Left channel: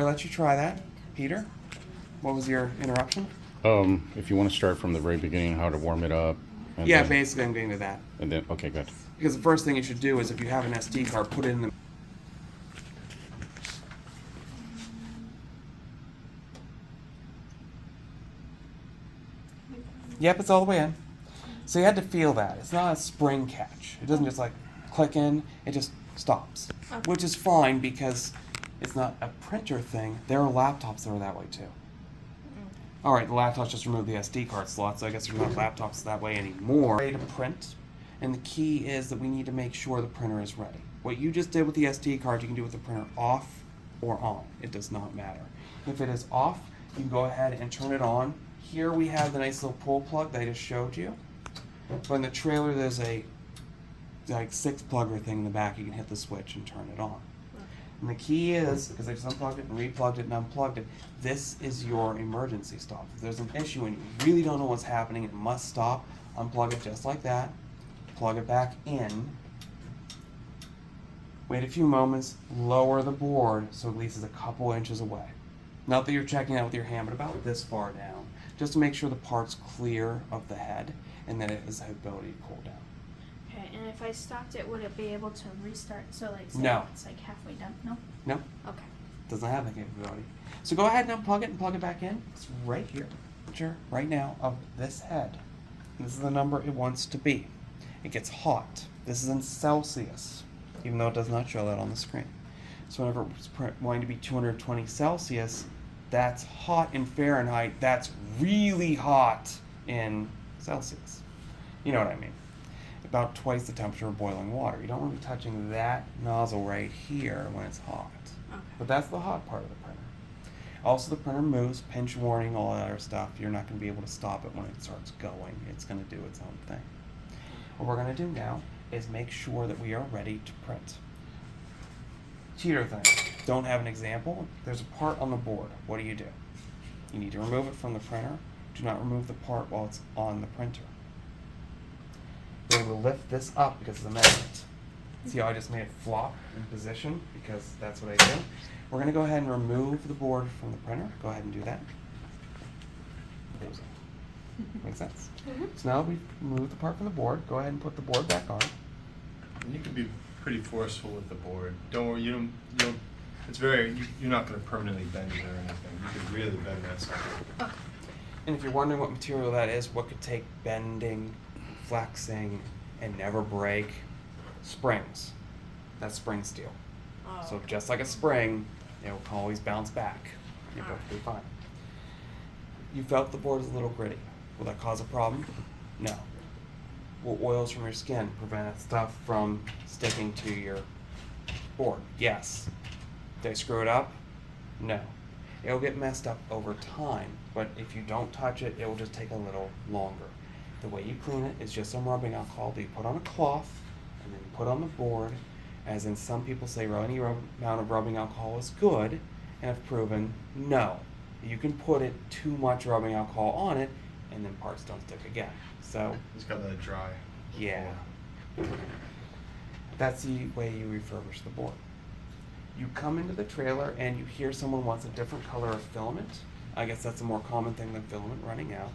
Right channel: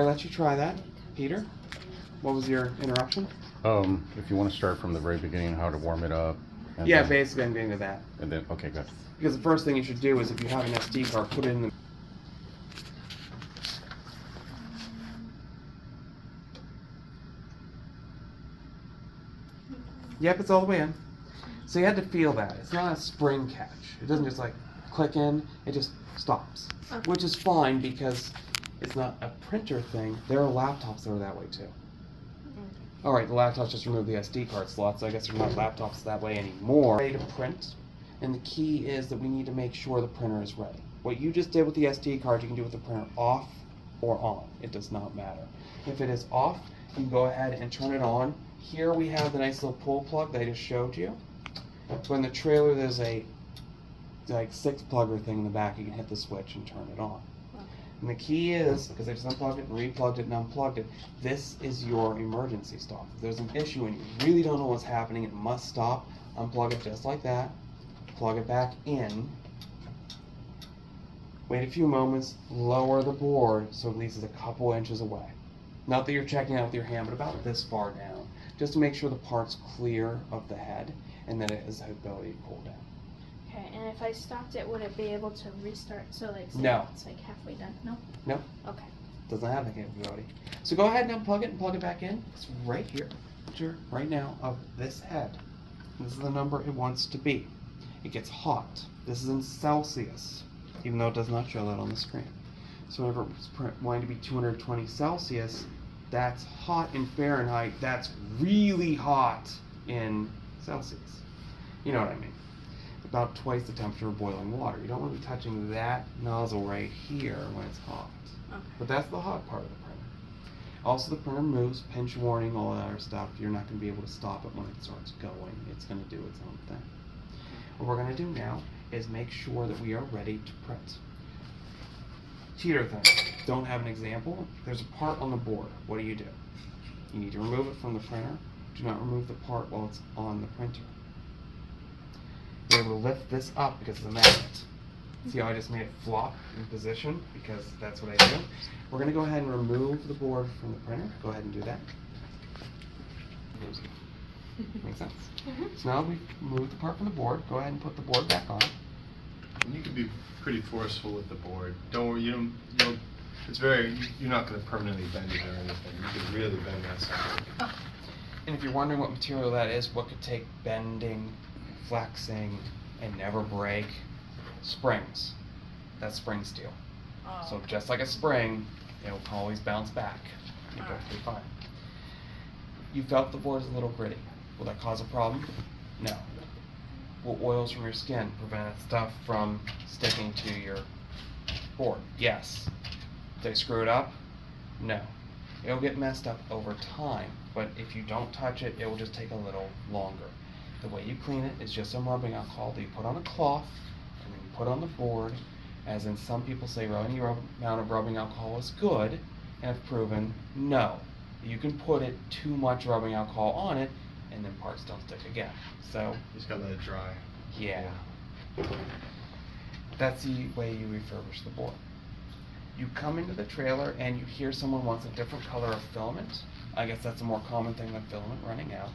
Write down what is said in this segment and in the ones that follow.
I let you try that. Peter, what was your interruption? If you want to start from the very beginning, how to warm it up. And Yeah, then, basically I'm getting to that. And then, okay, good. Because the first thing you should do is if you have an SD card, put it in the... Yep, it's all the way in. So you had to feel that. It's not a spring catch. It doesn't just like click in, it just stops. Okay. Which is fine because it's not a printer thing. There are laptops that are that way too. Alright, the laptops just removed the SD card slot, so I guess there's not laptops that way anymore. Ready to print, and the key is that we need to make sure the printer is ready. What you just did with the SD card, you can do with the printer off or on. It does not matter. If it is off, you can go ahead and turn it on. Here we have the nice little pull plug that I just showed you. So in the trailer, there's a like 6-plugger thing in the back. You can hit the switch and turn it on. And the key is, because I just unplugged it and replugged it and unplugged it, this is your emergency stop. If there's an issue and you really don't know what's happening, it must stop, unplug it just like that, plug it back in, wait a few moments, lower the board so at least it's a couple inches away. Not that you're checking out with your hand, but about this far down, just to make sure the part's clear of the head and that it has the ability to cool down. Okay, and if I stopped it, would it be able to restart? So like, say No. it's like halfway done? No? No, Okay. doesn't have the capability. So go ahead and unplug it and plug it back in. It's right here, picture right now of this head. And this is the number it wants to be. It gets hot. This is in Celsius, even though it does not show that on the screen. So whenever it's wanting to be 220 Celsius, that's hot in Fahrenheit. That's really hot in Celsius. You know what I mean? About twice the temperature of boiling water. You don't want to be touching that nozzle right here when it's hot. Okay. But that's the hot part of the printer. Also, the printer moves, pinch warning, all that other stuff. You're not going to be able to stop it when it starts going. It's going to do its own thing. What we're going to do now is make sure that we are ready to print. Cheater thing. Don't have an example. There's a part on the board. What do? You need to remove it from the printer. Do not remove the part while it's on the printer. We're able to lift this up because it's a magnet. See how I just made it flop in position because that's what I do. We're going to go ahead and remove the board from the printer. Go ahead and do that. Makes sense. So now we've removed the part from the board. Go ahead and put the board back on. And you can be pretty forceful with the board. Don't worry, you don't. It's you're not going to permanently bend it or anything. You could really bend that sucker. And if you're wondering what material that is, what could take bending, flexing, and never break? Springs. That's spring steel. Oh. So just like a spring, it will always bounce back. You're perfectly fine. You felt the board is a little gritty. Will that cause a problem? No. Will oils from your skin prevent stuff from sticking to your board? Yes. Did I screw it up? No. It'll get messed up over time, but if you don't touch it, it will just take a little longer. The way you clean it is just some rubbing alcohol that you put on a cloth and then you put on the board, as in some people say any amount of rubbing alcohol is good, and have proven no. You can put it too much rubbing alcohol on it, and then parts don't stick again. So, Just gotta let it dry. yeah. That's the way you refurbish the board. You come into the trailer and you hear someone wants a different color of filament. I guess that's a more common thing than filament running out.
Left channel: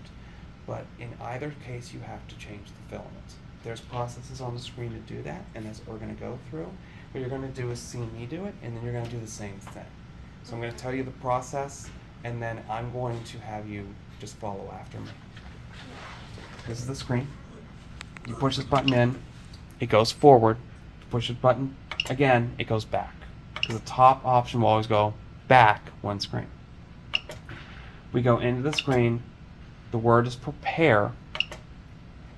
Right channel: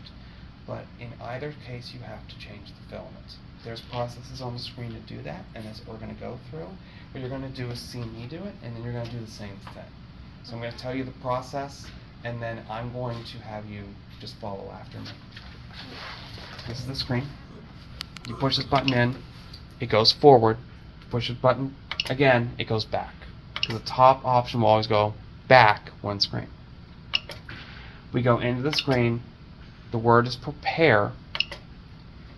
But in either case, you have to change the filament. There's processes on the screen to do that, and that's what we're going to go through. What you're going to do is see me do it, and then you're going to do the same thing. So I'm going to tell you the process, and then I'm going to have you just follow after me. This is the screen. You push this button in, it goes forward. Push this button again, it goes back. Because the top option will always go back one screen. We go into the screen, the word is prepare.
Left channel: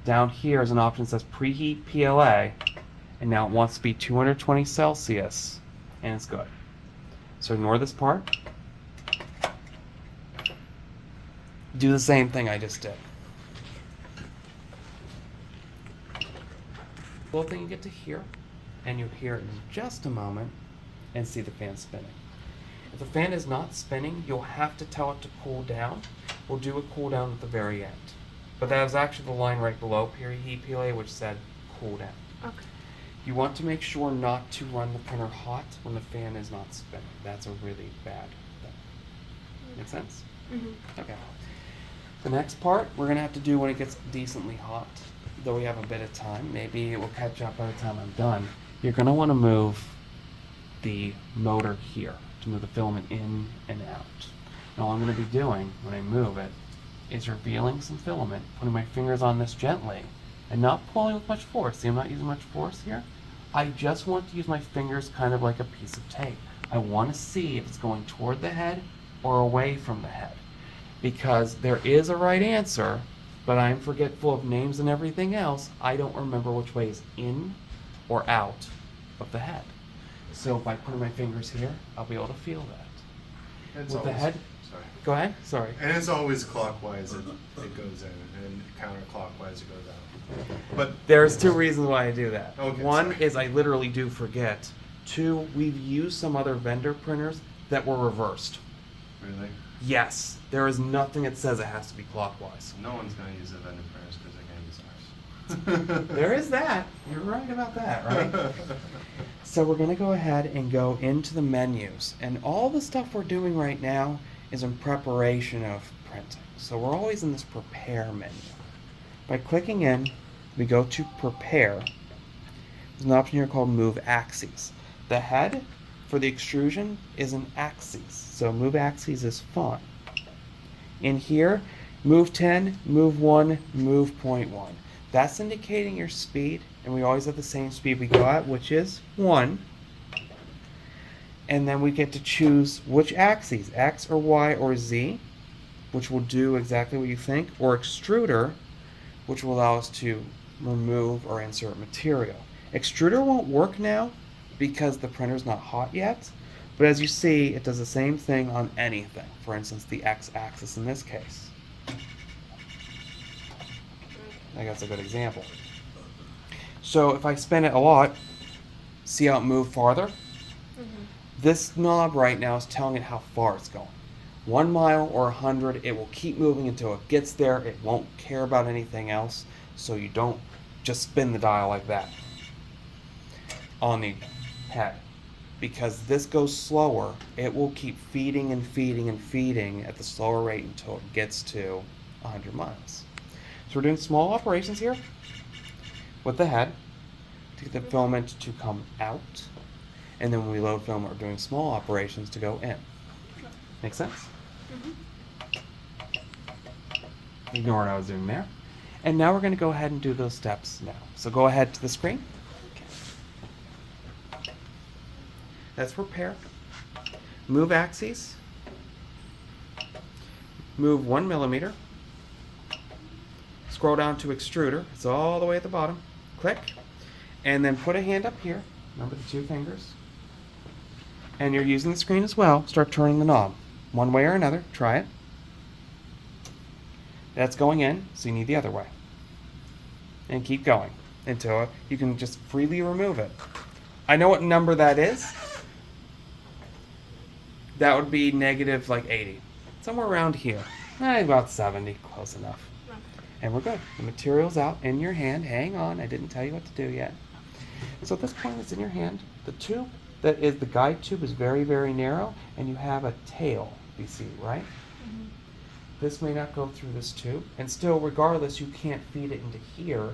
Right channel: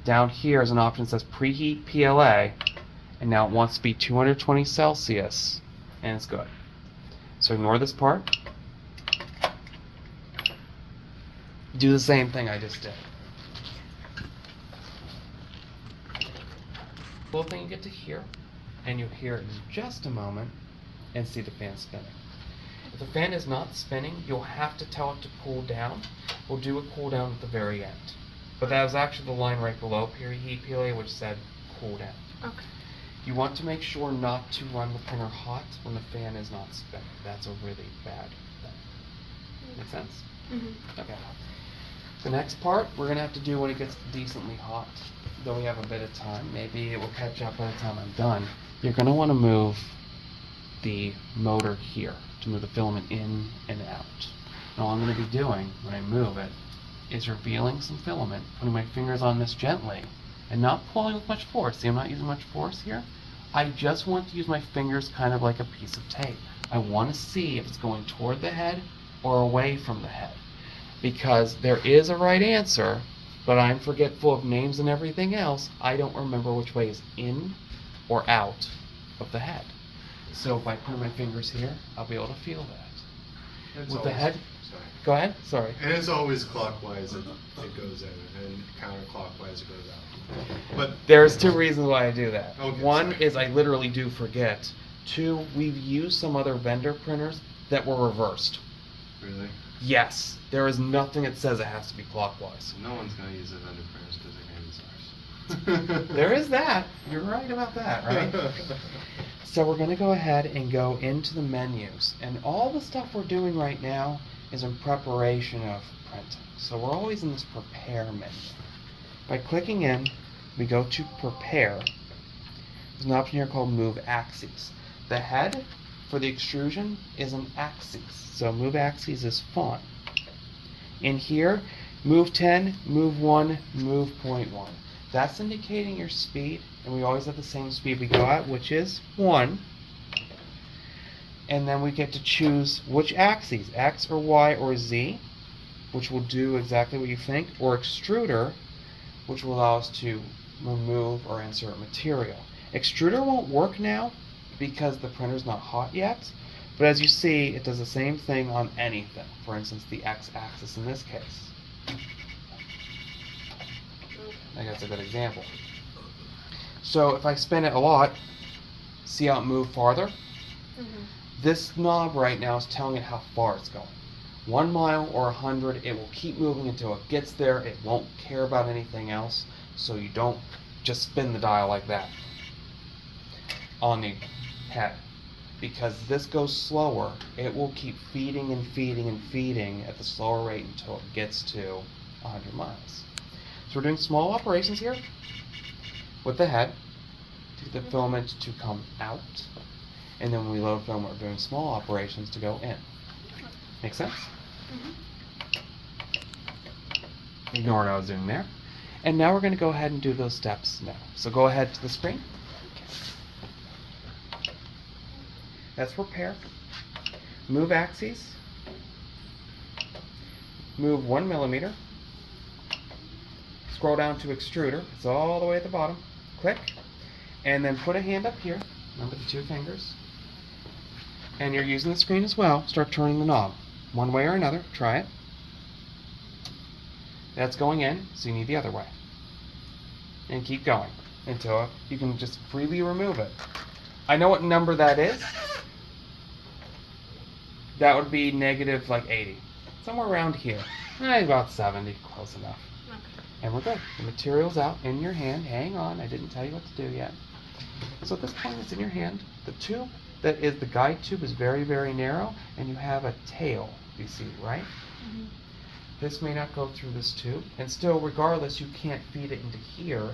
Down here is an option that says preheat PLA, and now it wants to be 220 Celsius, and it's good. So ignore this part. Do the same thing I just did. Little thing you get to hear, and you hear it in just a moment, and see the fan spinning. If the fan is not spinning, you'll have to tell it to cool down. We'll do a cool down at the very end. But that was actually the line right below preheat PLA, which said cool down. Okay. You want to make sure not to run the printer hot when the fan is not spinning. That's a really bad Make sense? Mhm. Okay. The next part we're gonna have to do when it gets decently hot. Though we have a bit of time, maybe it will catch up by the time I'm done. You're gonna want to move the motor here to move the filament in and out. And all I'm gonna be doing when I move it is revealing some filament, putting my fingers on this gently, and not pulling with much force. See, I'm not using much force here. I just want to use my fingers kind of like a piece of tape. I want to see if it's going toward the head or away from the head. Because there is a right answer, but I'm forgetful of names and everything else. I don't remember which way is in or out of the head. So by putting my fingers here, I'll be able to feel that. It's With the always- head? Sorry. Go ahead, sorry. And it's always clockwise it goes in, and counterclockwise it goes out. But There's two reasons why I do that. Okay, One sorry. is I literally do forget. Two, we've used some other vendor printers that were reversed. really, Yes, there is nothing that says it has to be clockwise. no one's gonna use the vendor printers because they're gonna use ours. There is that. You're right about that, right? So we're going to go ahead and go into the menus. And all the stuff we're doing right now is in preparation of printing. So we're always in this prepare menu. By clicking in, we go to prepare. There's an option here called move axes. The head for the extrusion is an axis. So move axes is fine. In here, move 10, move 1, move 0.1. That's indicating your speed, and we always have the same speed we go at, which is 1. And then we get to choose which axes, X or Y or Z, which will do exactly what you think, or extruder, which will allow us to remove or insert material. Extruder won't work now because the printer's not hot yet, but as you see, it does the same thing on anything. For instance, the X-axis in this case. I think that's a good example. So if I spin it a lot, see how it moved farther? Mhm. This knob right now is telling it how far it's going. 1 mile or 100, it will keep moving until it gets there. It won't care about anything else, so you don't just spin the dial like that on the head. Because this goes slower, it will keep feeding and feeding and feeding at the slower rate until it gets to 100 miles. So we're doing small operations here with the head to get the filament to come out. And then when we load filament, we're doing small operations to go in. Make sense? Mhm. Ignore what I was doing there. And now we're going to go ahead and do those steps now. So go ahead to the screen. That's prepare. Move axes. Move 1 millimeter. Scroll down to extruder. It's all the way at the bottom. Click. And then put a hand up here. Remember the 2 fingers. And you're using the screen as well. Start turning the knob. One way or another. Try it. That's going in, so you need the other way. And keep going until you can just freely remove it. I know what number that is. That would be negative like 80. Somewhere around here. About 70, close enough. Okay. And we're good. The material's out in your hand. Hang on, I didn't tell you what to do yet. So at this point, it's in your hand. The tube that is the guide tube is very, very narrow, and you have a tail, you see, right? Mhm. This may not go through this tube, and still, regardless, you can't feed it into here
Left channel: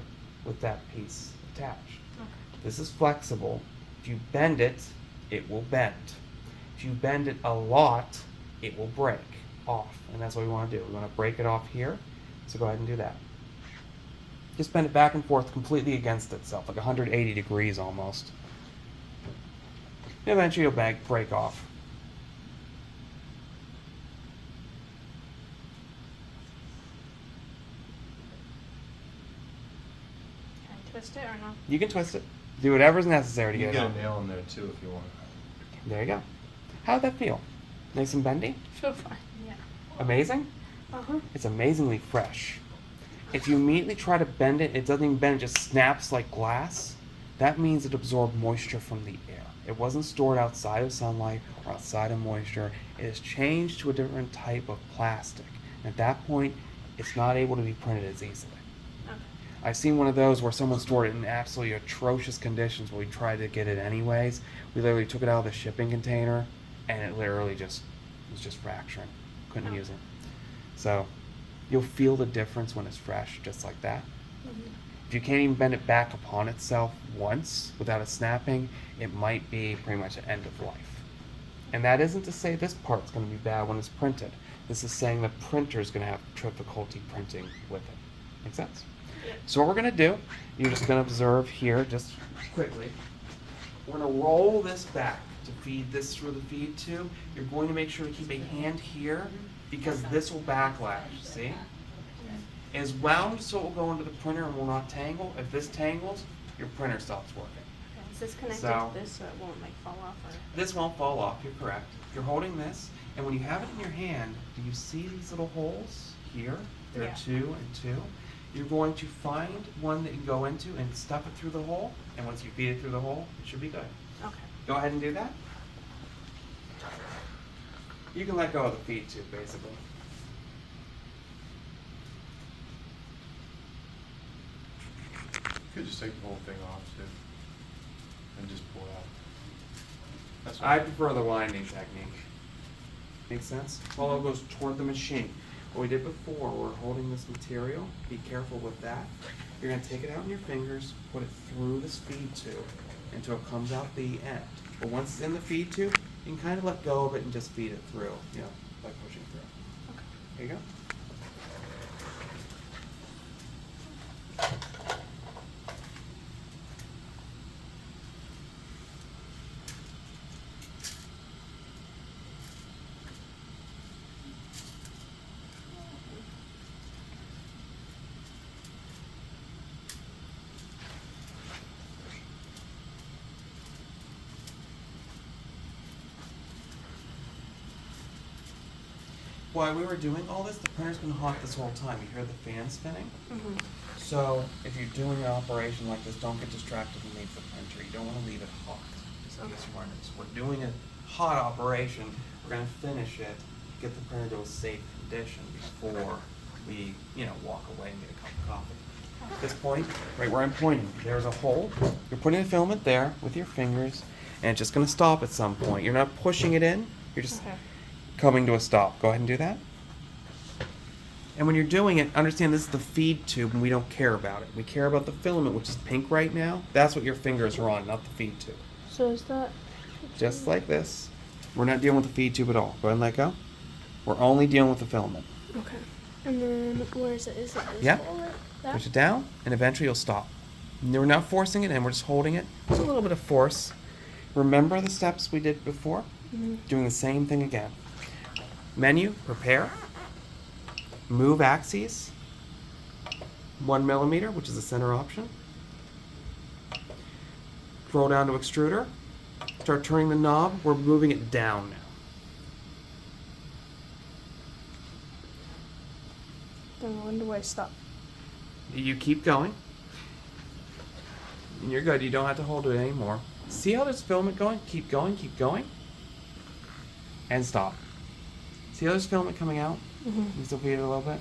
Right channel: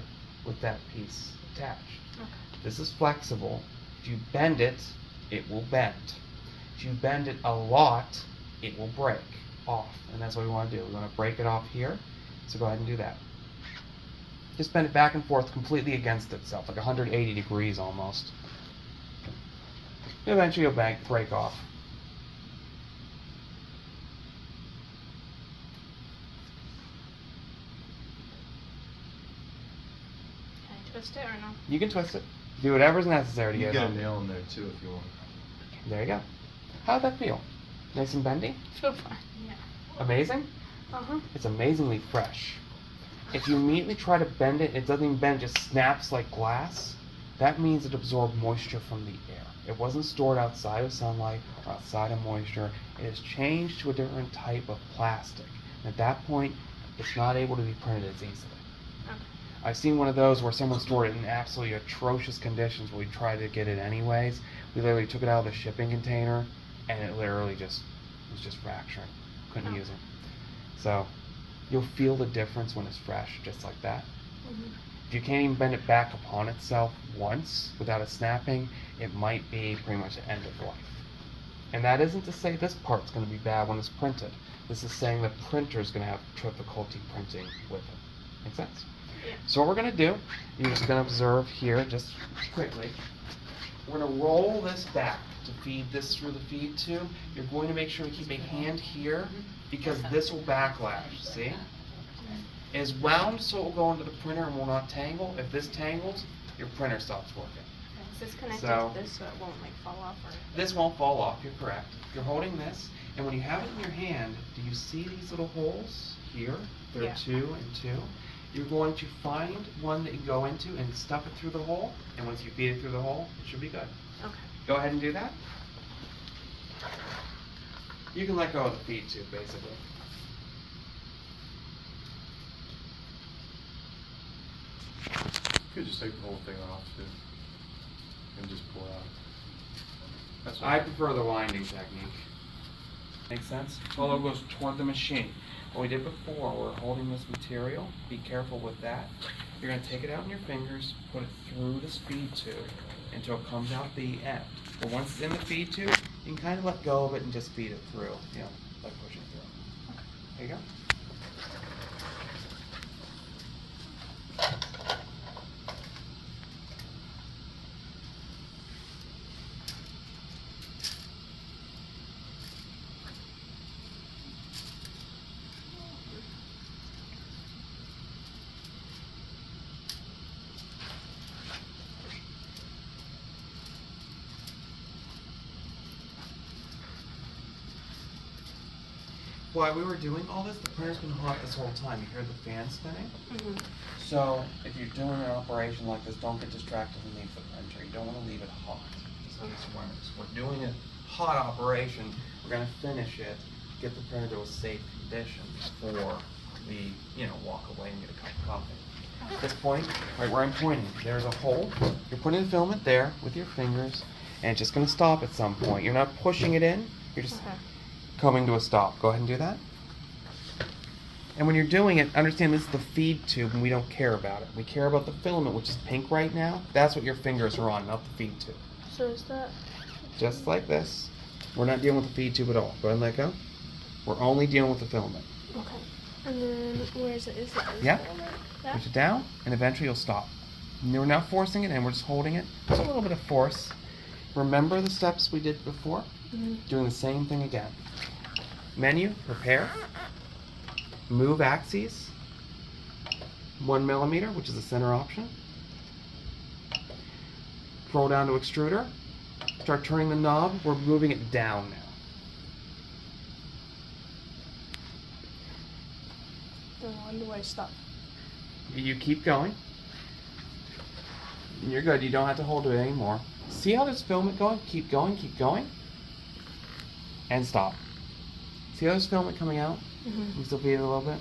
with that piece attached. Okay. This is flexible. If you bend it, it will bend. If you bend it a lot, it will break off, and that's what we want to do. We want to break it off here, so go ahead and do that. Just bend it back and forth completely against itself, like 180 degrees almost. And eventually it'll break off. Can I twist it or no? You can twist it. Do whatever's necessary to You get get it a out. nail in there too if you want. There you go. How'd that feel? Nice and bendy? So far. Yeah. Amazing? Uh-huh. It's amazingly fresh. If you immediately try to bend it, it doesn't even bend, it just snaps like glass. That means it absorbed moisture from the air. It wasn't stored outside of sunlight or outside of moisture. It has changed to a different type of plastic. And at that point, it's not able to be printed as easily. Okay. I've seen one of those where someone stored it in absolutely atrocious conditions, but we tried to get it anyways. We literally took it out of the shipping container, and it literally was just fracturing. couldn't Oh. use them. So you'll feel the difference when it's fresh, just like that. Mhm. If you can't even bend it back upon itself once without it snapping, it might be pretty much the end of life. And that isn't to say this part's going to be bad when it's printed. This is saying the printer's going to have difficulty printing with it. Make sense? Yeah. So what we're going to do, you're just going to observe here, just quickly. We're going to roll this back to feed this through the feed tube. You're going to make sure to keep a hand here because this will backlash, see? It's wound so it will go into the printer and will not tangle. If this tangles, your printer stops working. Is this connected So- to this so it won't like fall off or? This won't fall off, you're correct. You're holding this, and when you have it in your hand, do you see these little holes here? There Yeah. are 2 and 2. You're going to find one that you go into and stuff it through the hole, and once you feed it through the hole, it should be good. Okay. Go ahead and do that. You can let go of the feed tube, basically. You could just take the whole thing off too, and just pull out. That's I what prefer the winding technique. Make sense? All it goes toward the machine. What we did before, we're holding this material. Be careful with that. You're going to take it out in your fingers, put it through this feed tube until it comes out the end. But once it's in the feed tube, you can kind of let go of it and just feed it through, you know, like pushing through. There you go. While we were doing all this, the printer's been hot this whole time. You hear the fan spinning? Mhm. So if you're doing an operation like this, don't get distracted underneath the printer. You don't want to leave it hot. Just in case we're doing a hot operation, we're going to finish it, get the printer to a safe condition before we, walk away and get a cup of coffee. At this point, right where I'm pointing, there's a hole. You're putting the filament there with your fingers, and it's just going to stop at some point. You're not pushing it in. You're just Okay. coming to a stop. Go ahead and do that. And when you're doing it, understand this is the feed tube and we don't care about it. We care about the filament, which is pink right now. That's what your fingers are on, not the feed tube. So is that? Just like this. We're not dealing with the feed tube at all. Go ahead and let go. We're only dealing with the filament. Okay. And then where is it? Is it? Yeah. It like that? Push it down, and eventually you'll stop. And we're not forcing it in, we're just holding it. Just a little bit of force. Remember the steps we did before? Mhm. Doing the same thing again. Menu, prepare. Move axes. 1 millimeter, which is the center option. Scroll down to extruder. Start turning the knob. We're moving it down now. Then when do I stop? You keep going. You're good. You don't have to hold it anymore. See how there's filament going? Keep going, keep going. And stop. See how there's filament coming out? Mhm. You still feed it a little bit?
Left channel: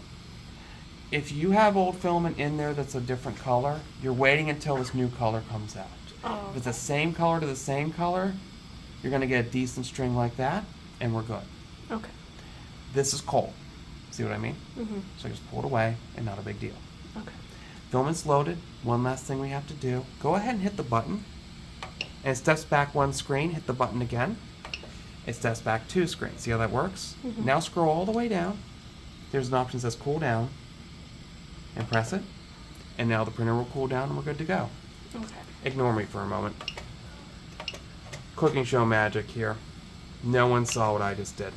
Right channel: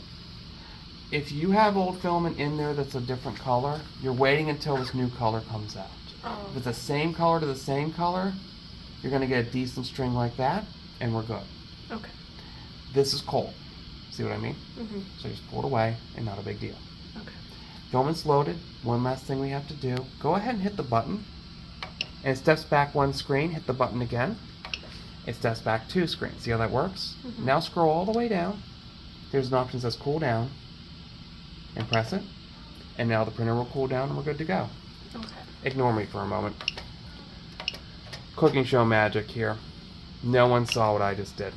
If you have old filament in there that's a different color, you're waiting until this new color comes out. Oh. If it's the same color to the same color, you're going to get a decent string like that, and we're good. Okay. This is cold. See what I mean? Mhm. So just pull it away, and not a big deal. Okay. Filament's loaded. One last thing we have to do. Go ahead and hit the button. And it steps back 1 screen. Hit the button again. It steps back 2 screens. See how that works? Mhm. Now scroll all the way down. There's an option that says cool down. And press it. And now the printer will cool down and we're good to go. Okay. Ignore me for a moment. Cooking show magic here. No one saw what I just did.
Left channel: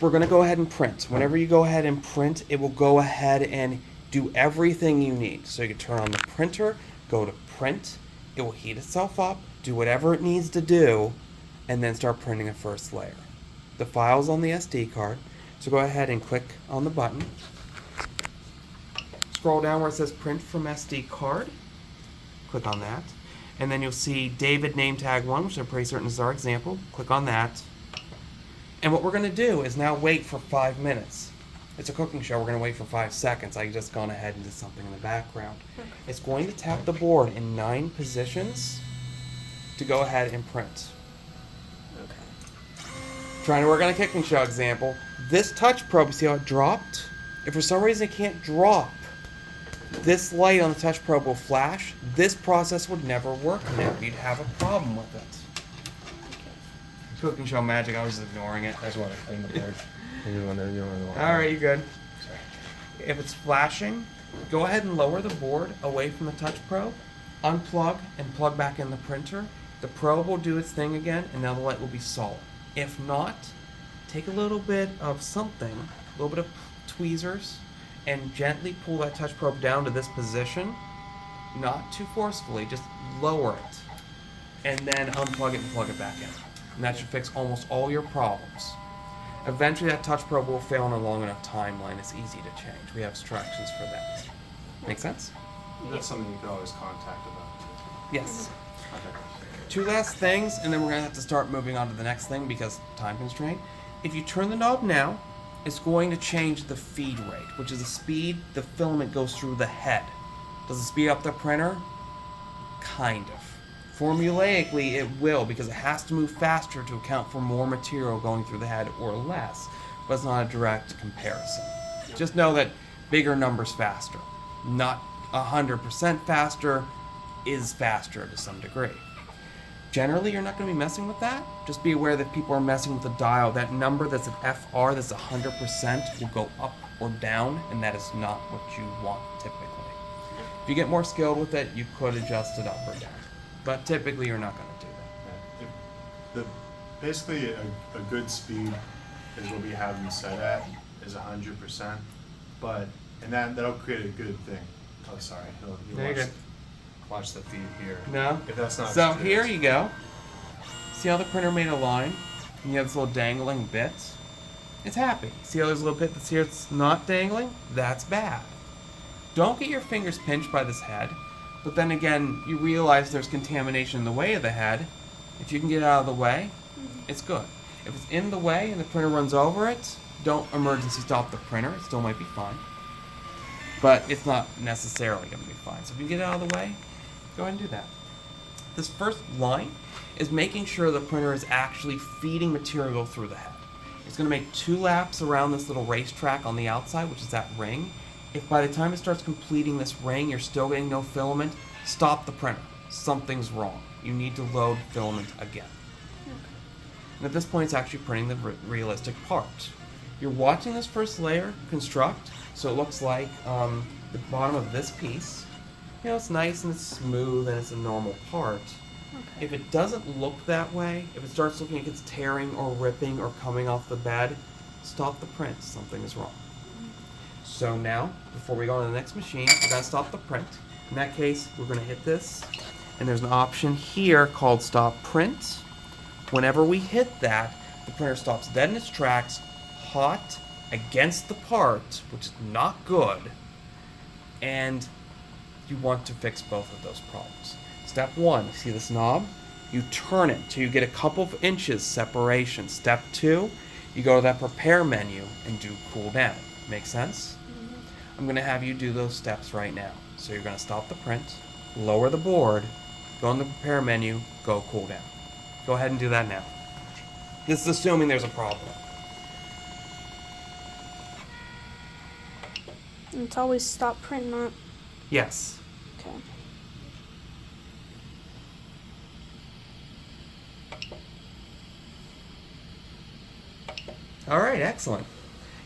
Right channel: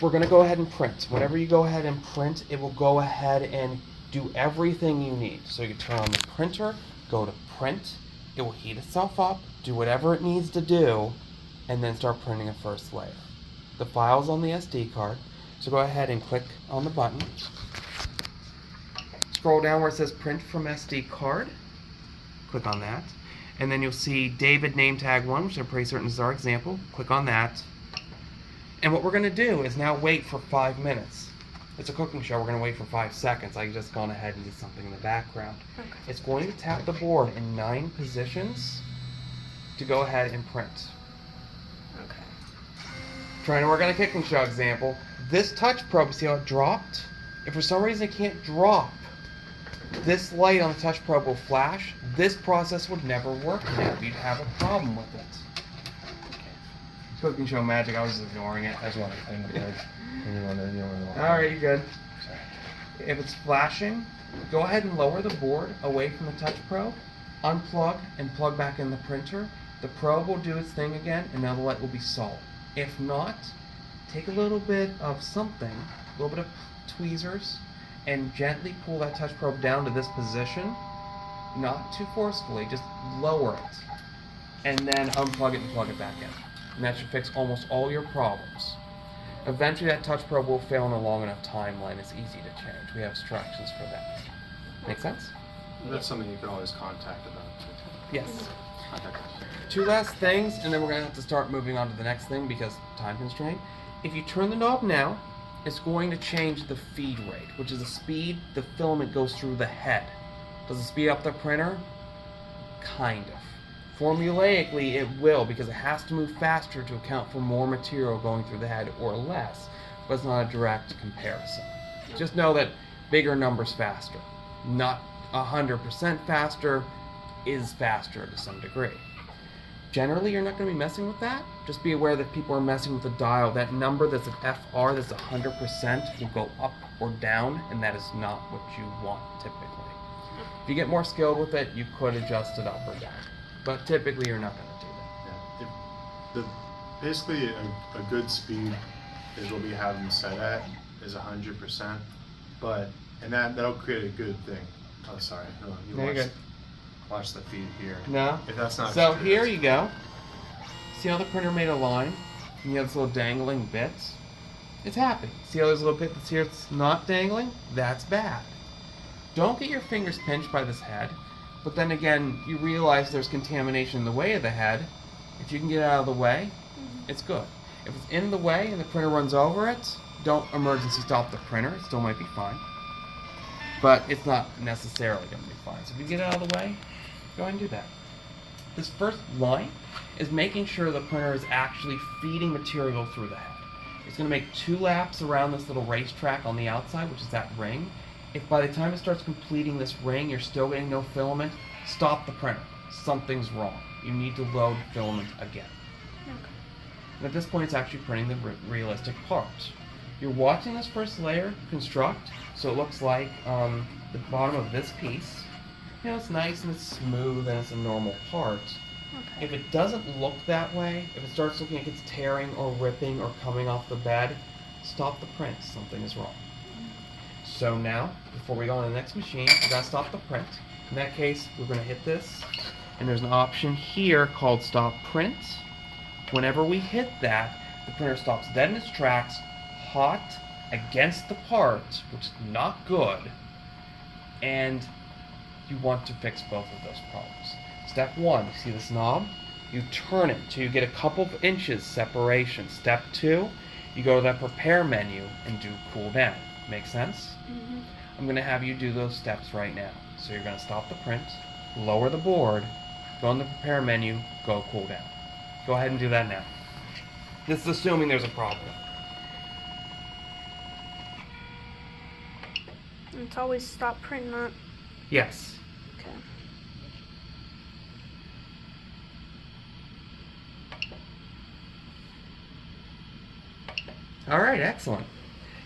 We're going to go ahead and print. Whenever you go ahead and print, it will go ahead and do everything you need. So you can turn on the printer, go to print, it will heat itself up, do whatever it needs to do, and then start printing a first layer. The file's on the SD card, so go ahead and click on the button. Scroll down where it says print from SD card. Click on that. And then you'll see David name tag 1, which I'm pretty certain is our example. Click on that. And what we're going to do is now wait for 5 minutes. It's a cooking show, we're going to wait for 5 seconds. I just gone ahead and did something in the background. Okay. It's going to tap the board in 9 positions to go ahead and print. Okay. Trying to work on a kicking show example. This touch probe, you see how it dropped? If for some reason it can't drop, this light on the touch probe will flash. This process would never work now. You'd have a problem with it. Cooking show magic, I was ignoring it. I just want to clean the board. You don't want to. Alright, you're good. Sorry. If it's flashing, go ahead and lower the board away from the touch probe, unplug, and plug back in the printer. The probe will do its thing again, and now the light will be solid. If not, take a little bit of something, a little bit of tweezers, and gently pull that touch probe down to this position. Not too forcefully, just lower it. And then unplug it and plug it back in. And that should fix almost all your problems. Eventually that touch probe will fail in a long enough timeline. It's easy to change. We have instructions for that. Make sense? That's something you could always contact about too. Yes. Contact us. Two last things, and then we're going to have to start moving on to the next thing because time constraint. If you turn the knob now, it's going to change the feed rate, which is the speed the filament goes through the head. Does it speed up the printer? Kind of. Formulaically, it will because it has to move faster to account for more material going through the head or less, but it's not a direct comparison. Just know that bigger numbers faster. Not 100% faster is faster to some degree. Generally, you're not going to be messing with that. Just be aware that people are messing with the dial. That number that's an FR that's 100% will go up or down, and that is not what you want typically. If you get more skilled with it, you could adjust it up or down. But typically, you're not going to do that. Yeah. Basically, a good speed is what we have them set at is 100%, and that'll create a good thing. Oh, sorry. No, There you go. Watch the feed here. No? If that's not So true, here that's- you go. See how the printer made a line? And you have this little dangling bit? It's happy. See how there's a little bit that's here that's not dangling? That's bad. Don't get your fingers pinched by this head, but then again, you realize there's contamination in the way of the head. If you can get it out of the way, it's good. If it's in the way and the printer runs over it, don't emergency stop the printer. It still might be fine. But it's not necessarily going to be fine. So if you get it out of the way, go ahead and do that. This first line is making sure the printer is actually feeding material through the head. It's going to make 2 laps around this little racetrack on the outside, which is that ring. If by the time it starts completing this ring, you're still getting no filament, stop the printer. Something's wrong. You need to load filament again. And at this point, it's actually printing the realistic part. You're watching this first layer construct, so it looks like the bottom of this piece. You know, it's nice and it's smooth and it's a normal part. Okay. If it doesn't look that way, if it starts looking like it's tearing or ripping or coming off the bed, stop the print. Something is wrong. So now, before we go on to the next machine, we gotta stop the print. In that case, we're gonna hit this, and there's an option here called Stop Print. Whenever we hit that, the printer stops dead in its tracks, hot against the part, which is not good, and you want to fix both of those problems. Step 1, you see this knob? You turn it till you get a couple of inches separation. Step 2, you go to that prepare menu and do cool down. Make sense? I'm going to have you do those steps right now. So you're going to stop the print, lower the board, go in the prepare menu, go cool down. Go ahead and do that now. This is assuming there's a problem. And it's always stop print, not Yes. okay. All right, excellent.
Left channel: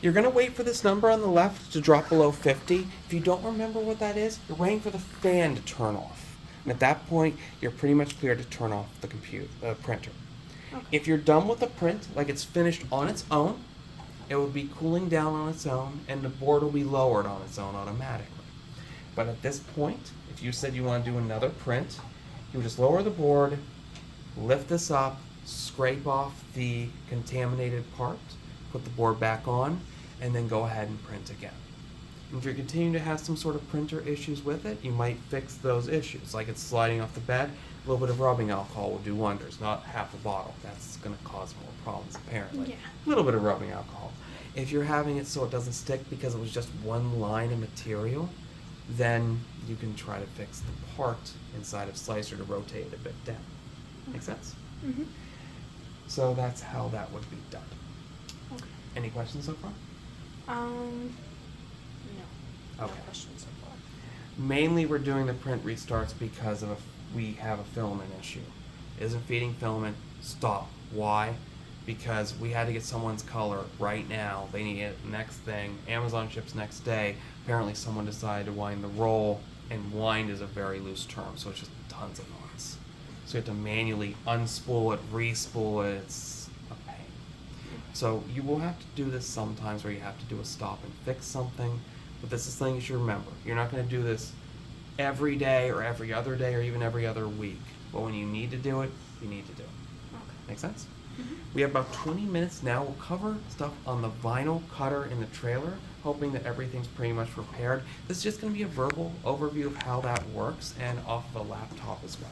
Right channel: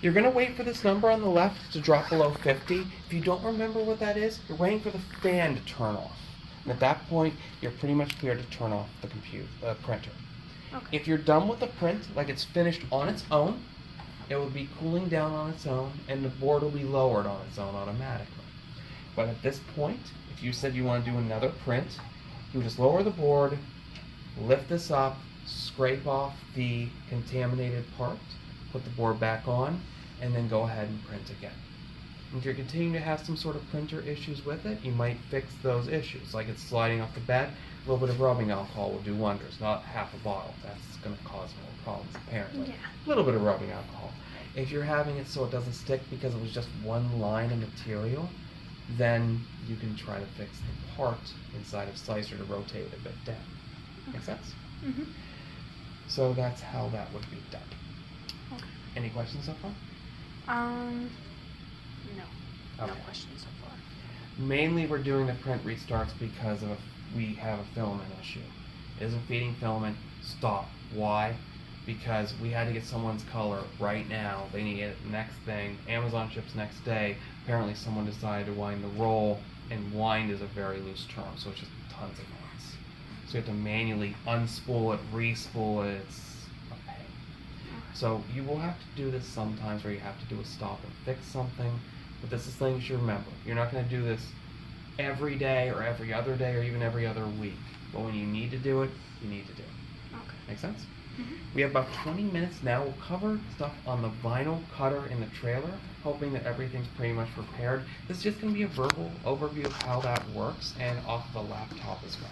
You're going to wait for this number on the left to drop below 50. If you don't remember what that is, you're waiting for the fan to turn off. And at that point, you're pretty much clear to turn off the printer. Okay. If you're done with the print, like it's finished on its own, it will be cooling down on its own, and the board will be lowered on its own automatically. But at this point, if you said you want to do another print, you just lower the board, lift this up, scrape off the contaminated part, put the board back on, and then go ahead and print again. And if you're continuing to have some sort of printer issues with it, you might fix those issues. Like it's sliding off the bed, a little bit of rubbing alcohol will do wonders, not half a bottle. That's going to cause more problems apparently. Yeah. A little bit of rubbing alcohol. If you're having it so it doesn't stick because it was just one line of material, then you can try to fix the part inside of Slicer to rotate it a bit down. Make sense? So that's how that would be done. Okay. Any questions so far? No. No Okay. questions so far. Mainly we're doing the print restarts because of we have a filament issue. Isn't feeding filament, stop. Why? Because we had to get someone's color right now. They need it next thing. Amazon ships next day. Apparently someone decided to wind the roll, and wind is a very loose term, so it's just tons of knots. So you have to manually unspool it, re-spool it. It's a pain. So you will have to do this sometimes where you have to do a stop and fix something. But this is something you should remember. You're not going to do this every day or every other day or even every other week. But when you need to do it, you need to do it. Okay. Make sense? Mhm. We have about 20 minutes now. We'll cover stuff on the vinyl cutter in the trailer, hoping that everything's pretty much prepared. This is just going to be a verbal overview of how that works and off of a laptop as well.